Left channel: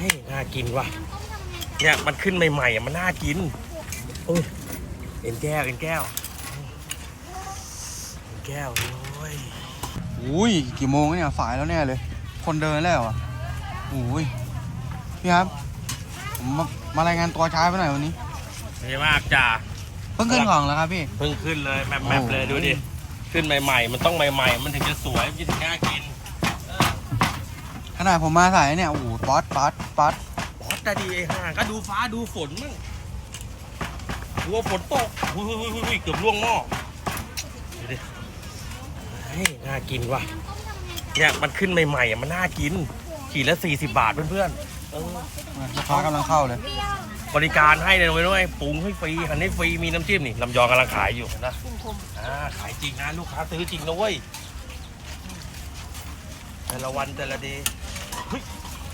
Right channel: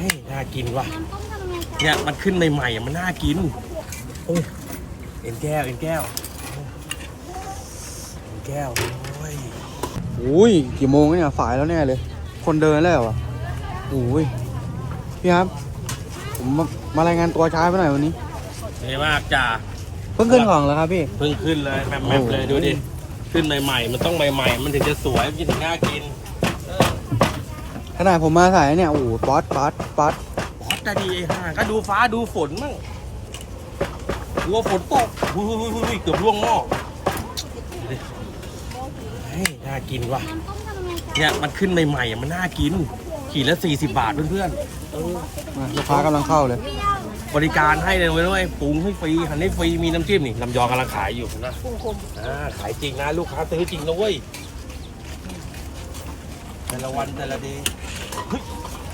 ฮ้ยน่ากินว่ะ เนี่ยมันขึ้นใหม่ๆอะมันน่ากิน โอ้ย เอ็นแก้ว เอ็นแก้ว เอ็นแก้ว โอ้ยอุ้ยกี่โมงแล้วเนี่ยสายแล้วแน่เลย คนเดินแล้วเหรออุ้ยพี่ครับ ผมมามารายงานตัวช้าไปหน่อยวันนี้ดีมากจ้าเพิ่งขึ้นของแล้วครับพี่ เพิ่งขึ้นเลยแมปแมปเลยโอ้โหดูดิ ขึ้นใหม่ๆ มันต้องใหม่ๆ มันถึงจะสวยมันถึงน่ากิน ขนาดผมมาสายเนี่ยโอ้โหป๊อตป๊อตป๊อตบอสจะดีไอ้ห่าก็ดูฟ้าดูฝนมั่งดูว่าฝนตกหุ้ยหุ้ยหุ้ยหุ้ยเกือบล่วงหม้อดูดิเฮ้ยน่ากินว่ะเนี่ยมันขึ้นใหม่ๆอะมันน่ากินขีดละ40 บาทเพื่อนอะลูกค้ากำลังเข้าเลยๆ บริการให้เลยนะเว้ยปรุงให้ฟรีหั่นให้ฟรีมีน้ำจิ้มนี่ลำยองกำลังขายอยู่นะอ่าขายจริงนะลูกค้าซื้อจริงนะเว้ยแต่ละวันแต่ละดีเฮ้ย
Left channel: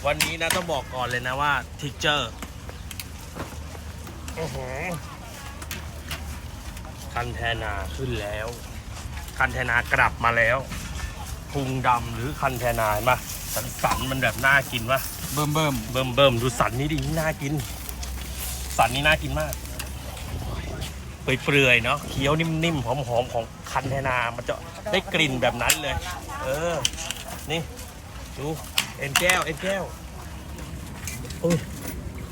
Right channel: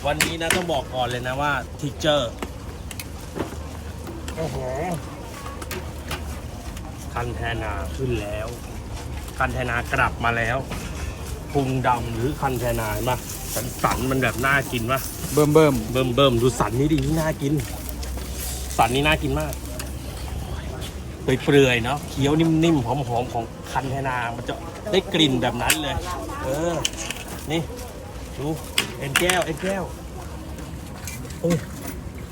วันนี้นะต้องบอกก่อนเลยนะว่าทิกเจอร์โอ้โหคันแทนาขึ้นแล้ว คันแทนากลับมาแล้วพุงดำหรือคันแทนาเห็นปะสันสันๆมันแบบน่ากินปะเบิ่มเบิ่มเบิ่มเบิ่มดูสันนี้ดินี่น่ากิน สันนี้น่ากินมากเปื่อยๆเนาะเคี้ยวนิ่มๆหอมๆของคันแทนามันจะได้กลิ่นแบบนั้นเลย เออ นี่ ดูเอ็นแก้วเอ็นแก้วโอ้ย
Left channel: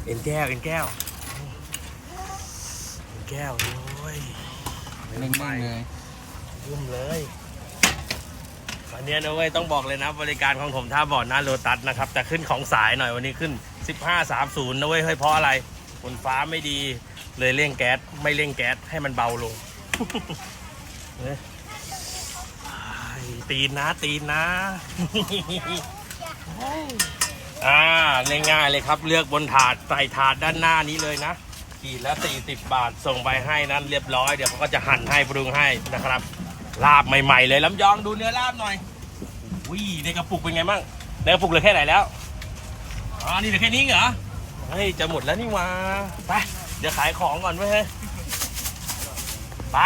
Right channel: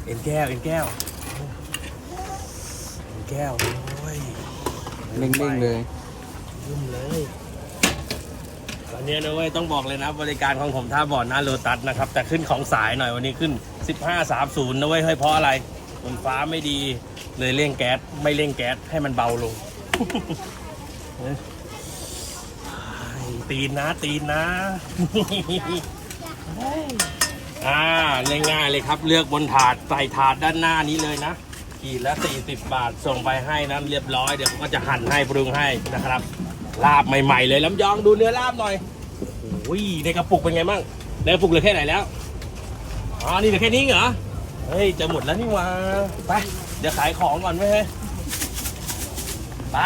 เอ็นแก้วเอ็นแก้วเอ็นแก้วโอ้ยเด้งเด้งๆเลยยุ่มเลยตอนนี้นะเว้ยต้องบอกเลยนะ บริการของผมท่าบ่อหน้าโลตัสนะครับ แต่ขึ้นของสายหน่อยวันนี้ขึ้น 15.30นะเว้ยเฮ้ยเพราะอะไรฝนฟ้าไม่ดีเลยเร่งแก๊สไม่เร่งแก๊สให้มันเบาลงเฮ้ย ตีนนะตีนนะ อ่าง่ายๆเลยครับ เลือกบนถาดใส่ถาดด้านหน้านี้เลยนะขีดละ40 บาทส่งไปให้นั้นเรียบร้อยเดี๋ยวเขาก็จะหั่นให้ปรุงให้นะครับ ลาบใหม่ๆเลยลำยองดูเนื้อลาบหน่อยโอ้ยในกระปุกเป็นไงบ้างในกระปุกเหลือแค่ไหนแล้วอ๋อนี่เหลือแค่นี้เหรอเฮ้ยจะหมดแล้วนี่หว่าไปเดี๋ยวขายของก่อนไว้ยเฮ้ยไป